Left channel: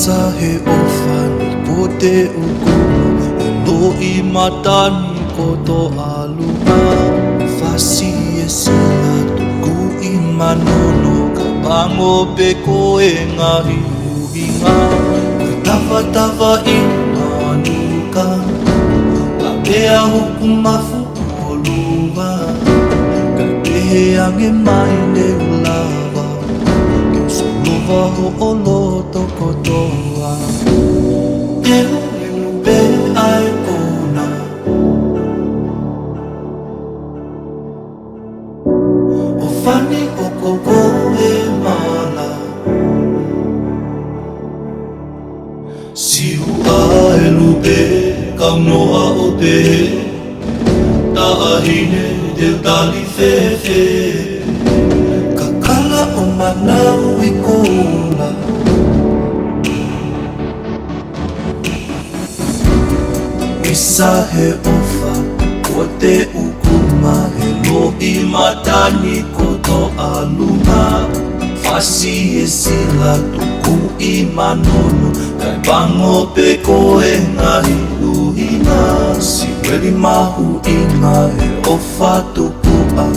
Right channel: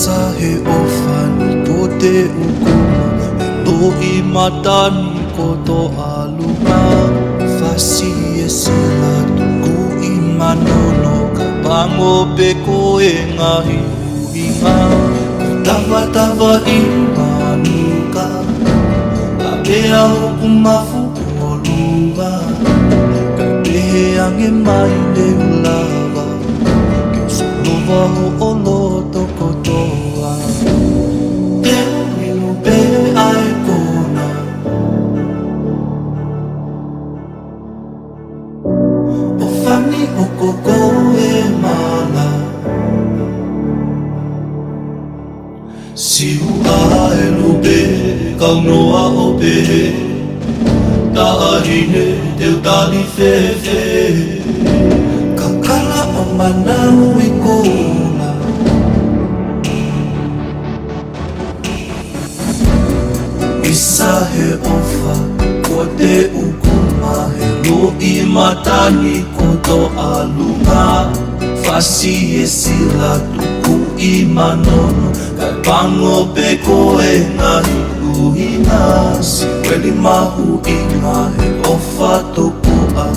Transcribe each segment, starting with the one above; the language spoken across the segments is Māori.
Sa he ofani ko te ukuma e loi matani ko to alunga fasi e sila tuku i manono ka bango pe ko e ngahi uhinga tawa i manuka a pea hoku mafu o luwa ka pehe ange mai ne ulava lova ho oloto kotoa Te inu pe ai kona O fani o koko e mala Si ua e lupe kau noa o pe Ta ahine teu tali fefe Kakala o manau i kola Isa he ofa ko te ukuma he loi matani ko to alunga Fasi e sila tuku i manono Kai bango pe ko e ngahi uhina Si weli mahu inga he ofa tuku a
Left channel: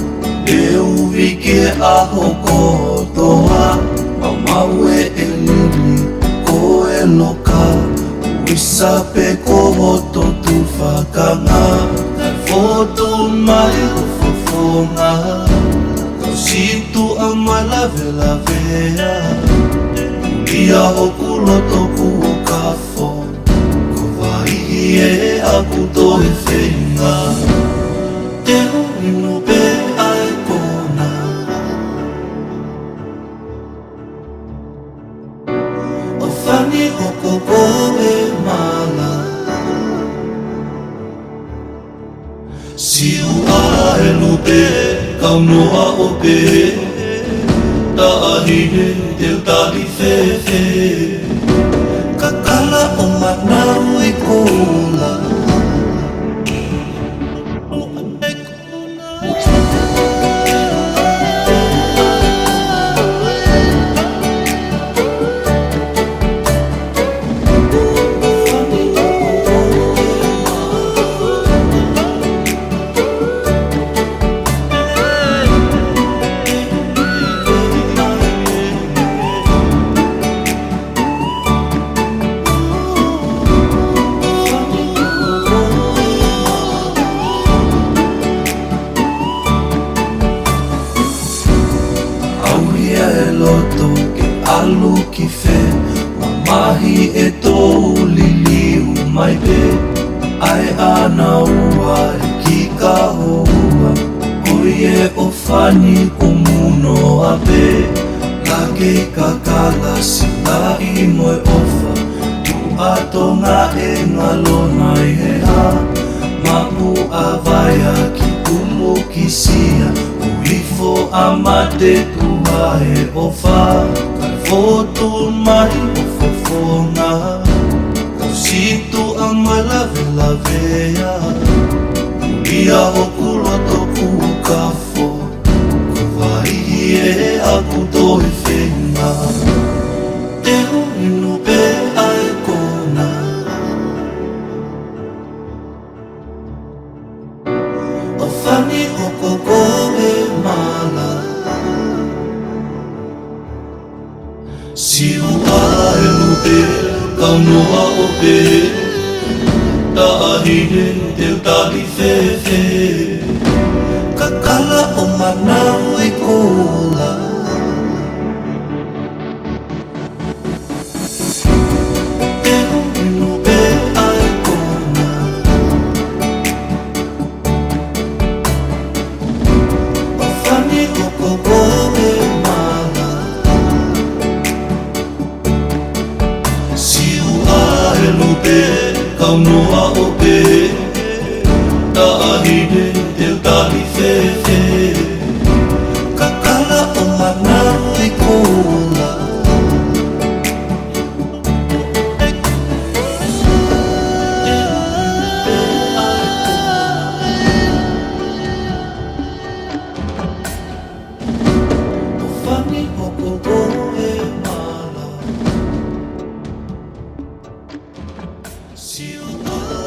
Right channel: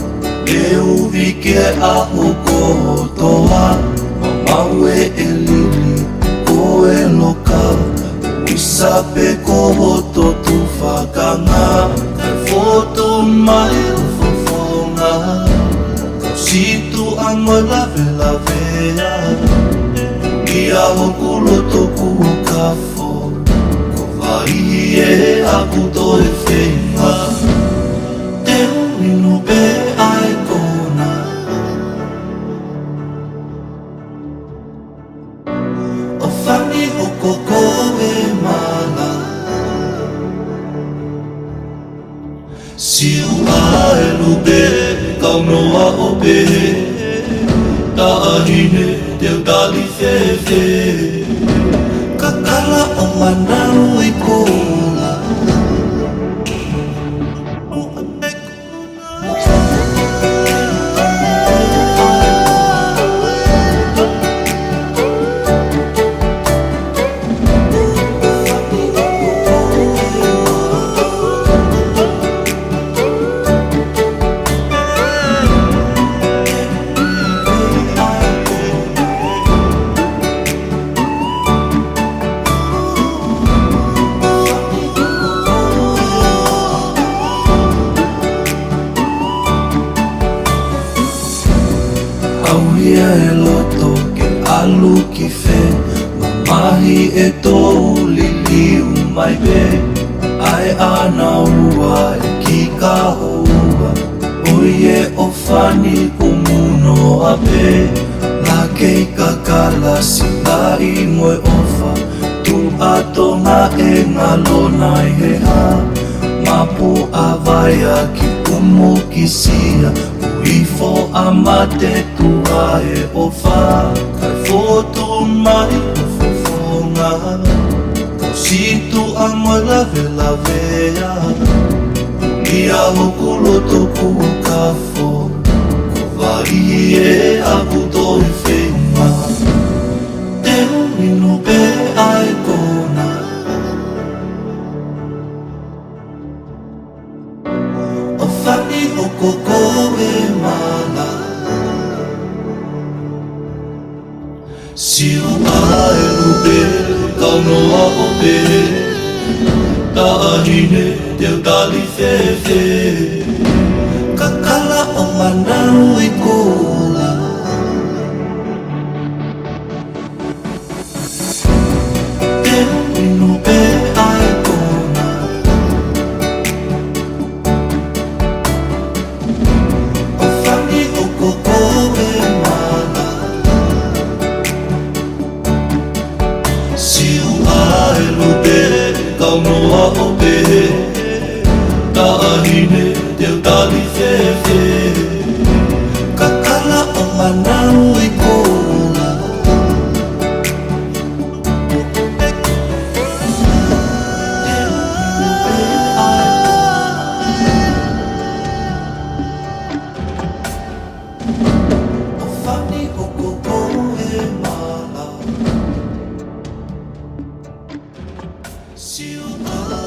E uvi ke a hoko toa Mamau e lili ko e loka Uisa pe ko hoto tu whakanga Kai foto mai o fofonga Kau situ a mai lavea Ulia hoku loto ku o kafo Ko vai e a puto e whenga Te unu pe ai kona O whani o koko e mala Si ua e lupe kau noa o pe Ta ahine teu tali fefe Kakala o manau i kola Auia e loto ke alu ki fe Mamahi e tou liliu mai pe Ai ana ua e ki ka houa Oie o fani umuno a pe Lake i ka kala si lai moe ofa Tu atonga e ngalona i he ha Mapu a vaia ki umu ki sia Uifo a mate tua e ofa Kai fotu mai o fofonga Kau situ a mai lavea Ulia hoku loto ku kafo Ko vai e a puto e whenga Te unu pe ai kona O whani o koko e mala Si ua e lupe kau noa o pe Ta ahine teu tali fefe Kakala o manau i kola Te unu pe ai kona O whani o koko e mala Si ua e lupe kau noa o pe Ta ahine teu tali fefe Kakala o manau i kola O whani o koko e mala miss you. Oh.